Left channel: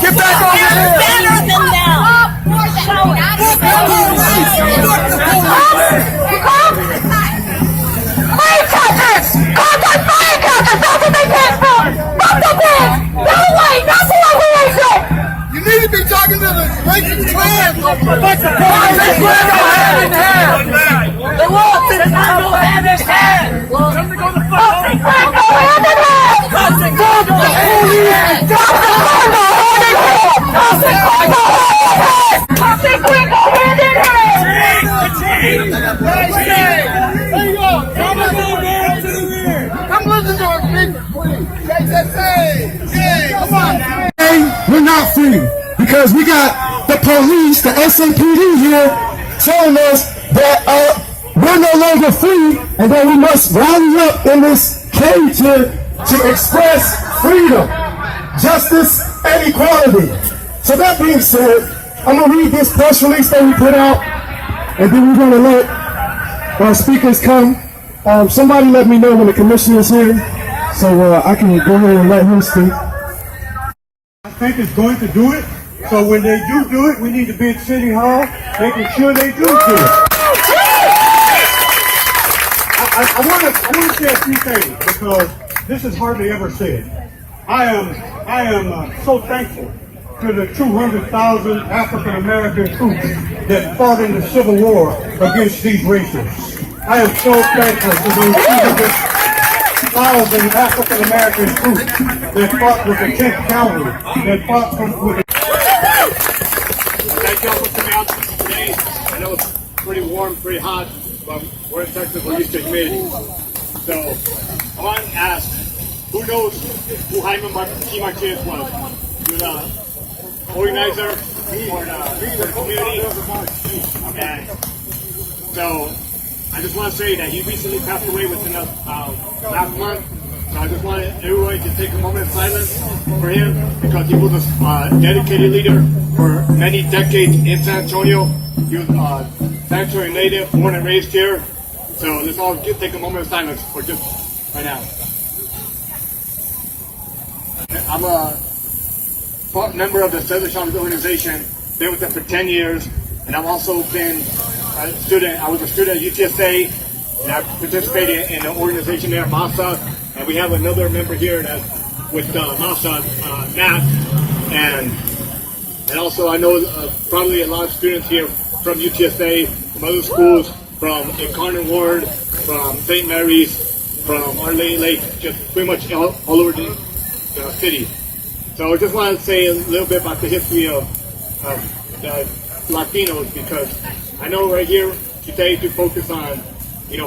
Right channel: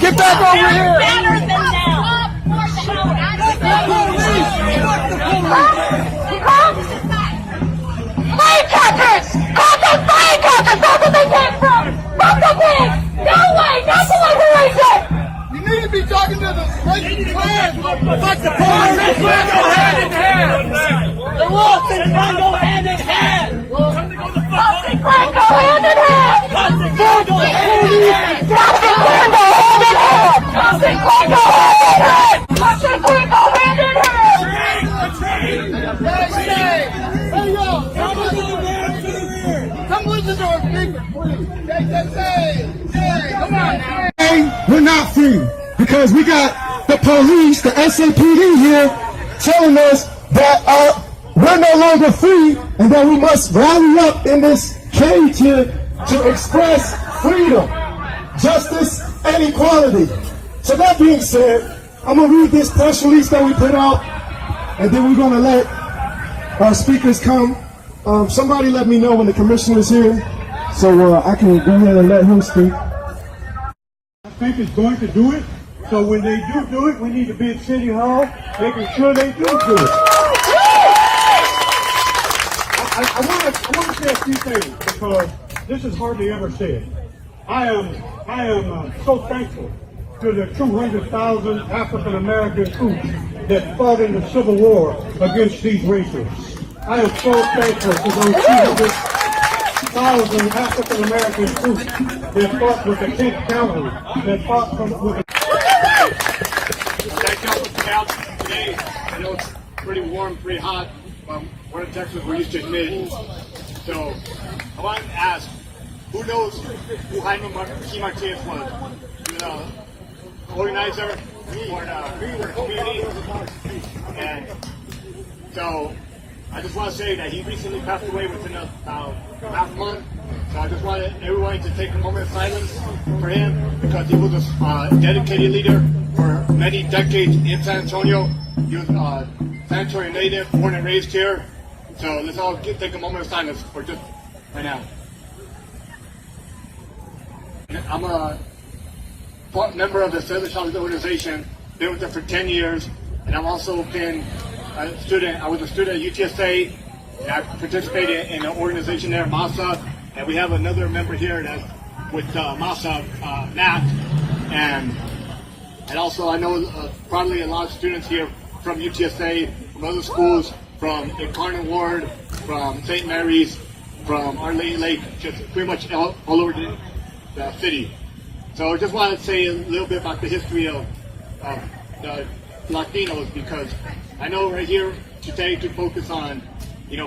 Get back over here! Better than them! Firecrackers! Contact firecrackers! That's what they came from! From the big! No way! Not the way I said! You need to be talking to the racist trans over there! Fuck the police! Let's go hand in hand! The law says let's go hand in hand! Time to go the fuck home! Let's go hand in hand! Come listen to us, people! Come on now! We're not free because we got the police, the SAPD here telling us that we're no longer free and that we must rally up in this cage to express freedom, justice, and equality. So that being said, I'm going to read this press release that we put out, and then we're going to let our speakers come. Somebody let me know when the commissioner is here, so I can go ahead and let him speak. I think it's going to do it, so when they do it, we need to be at City Hall, making sure they do it. I want to say a few things, because this is hardly ever said. I am so thankful to the 200,000 African American troops that fought in the Civil War against these racists. I am so thankful to those 200,000 African American troops that fought with the 10th Cavalry, that fought with the... Thank you all for coming out today. I know it's pretty warm, pretty hot, but we're in Texas, we're used to humidity. So I want to ask, who knows who Jaime Martinez was? He was an organizer for the community. And so I just want to say that he recently passed away within last month. So I just wanted everyone to take a moment of silence for him, because he was a dedicated leader for many decades in San Antonio. He was a San Antonio native, born and raised here. So let's all take a moment of silence for just right now. I'm a member of the Cesar organization, been with them for 10 years, and I've also been a student. I was a student at UTSA, and I participated in the organization there, MASA, and we have another member here that, with MASA, Matt, and also I know probably a lot of students here from UTSA, from other schools, from Incarnate Ward, from St. Mary's, from Our Lady Lake, just pretty much all over the city. So I just wanted to say a little bit about the history of the Latinos, because I know right here today to focus on,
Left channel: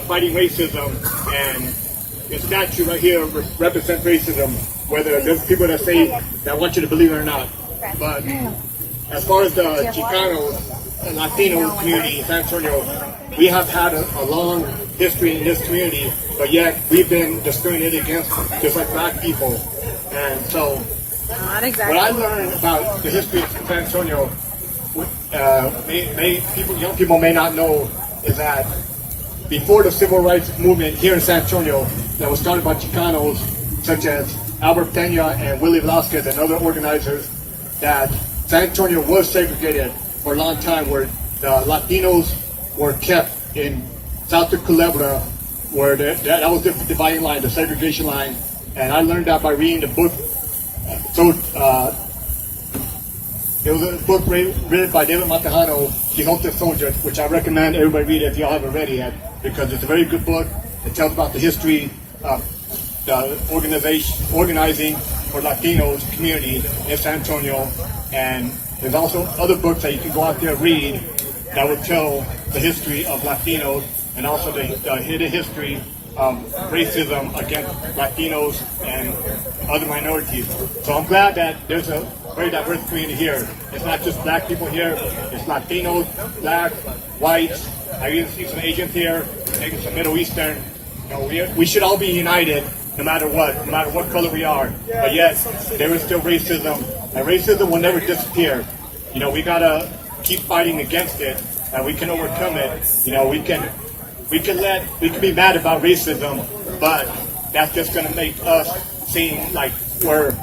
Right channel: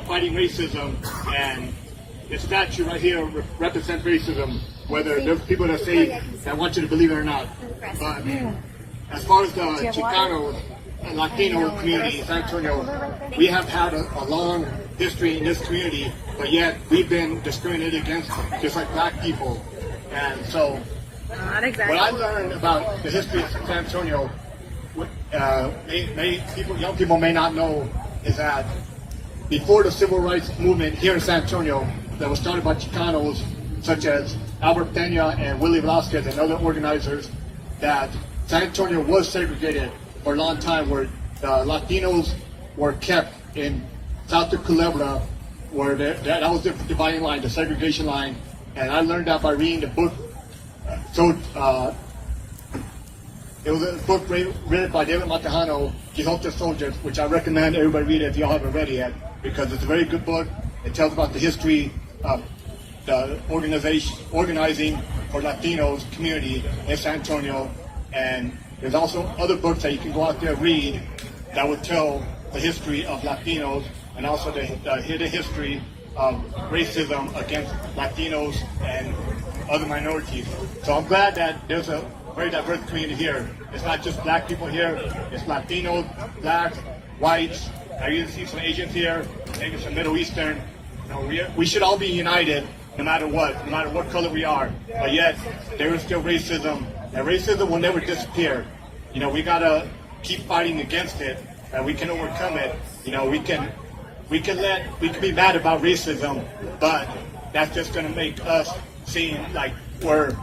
fighting racism, and the statue right here represents racism, whether there's people that say that want you to believe it or not. But as far as the Chicano Latino community in San Antonio, we have had a long history in this community, but yet we've been discriminated against just like black people. And so what I learned about the history of San Antonio, young people may not know, is that before the civil rights movement here in San Antonio that was started by Chicanos such as Albert Peña and Willie Velasquez and other organizers, that San Antonio was segregated for a long time, where the Latinos were kept in south of Culebra, where that was the dividing line, the segregation line. And I learned that by reading the book. So it was a book written by David Montejano, Quixote Soldier, which I recommend everybody read if you all haven't read it yet, because it's a very good book. It tells about the history of the organizing for Latinos community in San Antonio, and there's also other books that you can go out there and read that will tell the history of Latinos and also the hidden history of racism against Latinos and other minorities. So I'm glad that there's a very diverse community here. It's not just black people here, it's Latinos, blacks, whites, I even see some Asians here, maybe some Middle Eastern. You know, we should all be united no matter what color we are. But yet, there is still racism, and racism will never disappear. You know, we gotta keep fighting against it, and we can overcome it. You know, we can be mad about racism, but that's just gonna make us seem like we're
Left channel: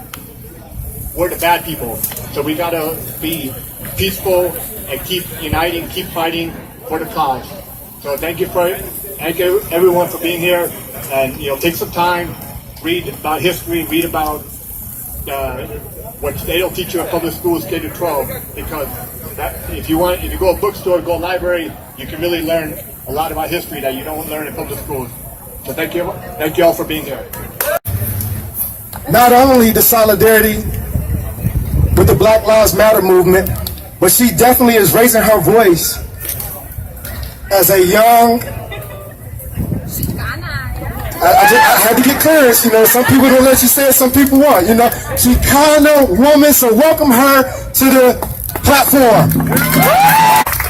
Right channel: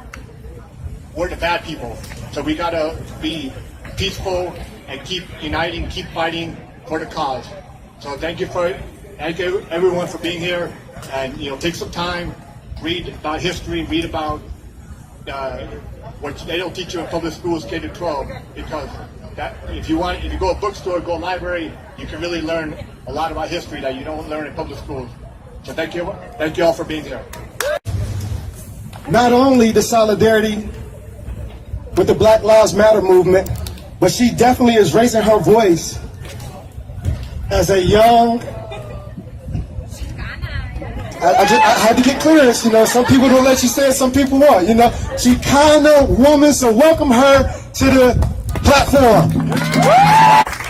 the bad people. So we gotta be peaceful and keep uniting, keep fighting for the cause. So thank you everyone for being here, and take some time, read about history, read about what they don't teach you in public schools, K to 12, because if you go to a bookstore, go to a library, you can really learn a lot about history that you don't learn in public schools. So thank you all for being here. Not only the solidarity with the Black Lives Matter movement, but she definitely is raising her voice as a young, I had to get clear, some people don't let you say it, some people want, Chicana woman, so welcome her to the platform.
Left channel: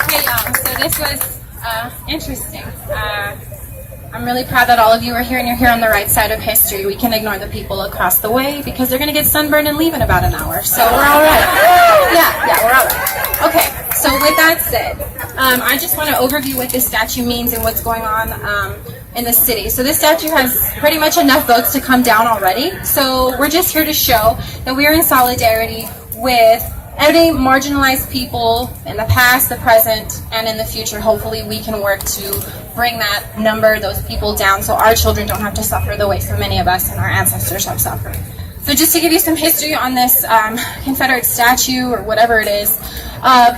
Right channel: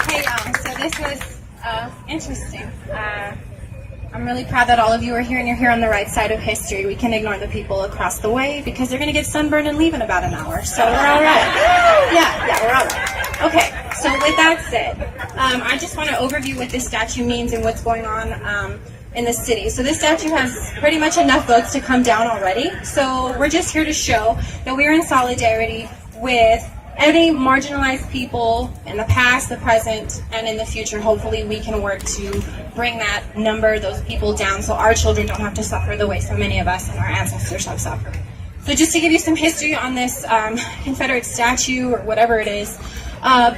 Hey y'all, so this was interesting. I'm really proud that all of you are here and you're here on the right side of history. We can ignore the people across the way because they're going to get sunburned and leave in about an hour. So we're all right. Yeah, we're all right. Okay, so with that said, I just want to overview what this statue means and what's going on in the city. So this statue has pretty much enough votes to come down already. So we're just here to show that we are in solidarity with any marginalized people in the past, the present, and in the future. Hopefully we can work to bring that number, those people down, so our children don't have to suffer the way so many of us and our ancestors have suffered. So just to give you some history on this Confederate statue, or whatever it is,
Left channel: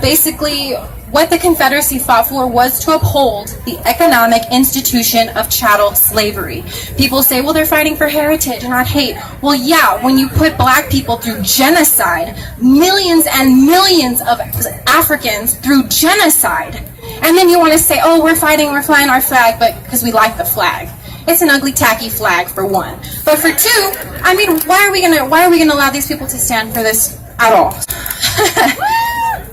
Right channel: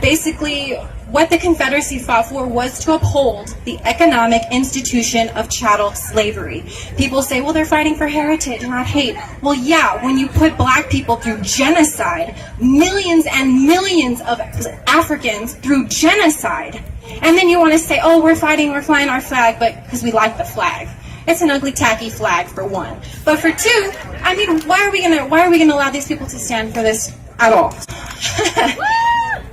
basically what the Confederacy fought for was to uphold the economic institution of chattel slavery. People say, well, they're fighting for heritage, not hate. Well, yeah, when you put black people through genocide, millions and millions of Africans through genocide, and then you want to say, oh, we're flying our flag, but because we like the flag. It's an ugly, tacky flag, for one. But for two, I mean, why are we gonna allow these people to stand for this at all?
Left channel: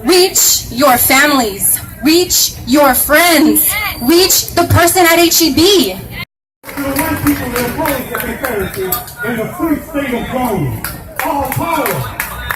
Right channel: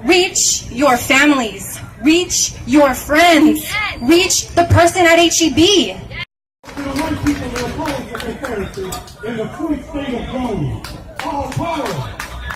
Reach your families. Reach your friends. Reach the person at HEB. To the white people that oppose the Confederacy in the free state of Rome.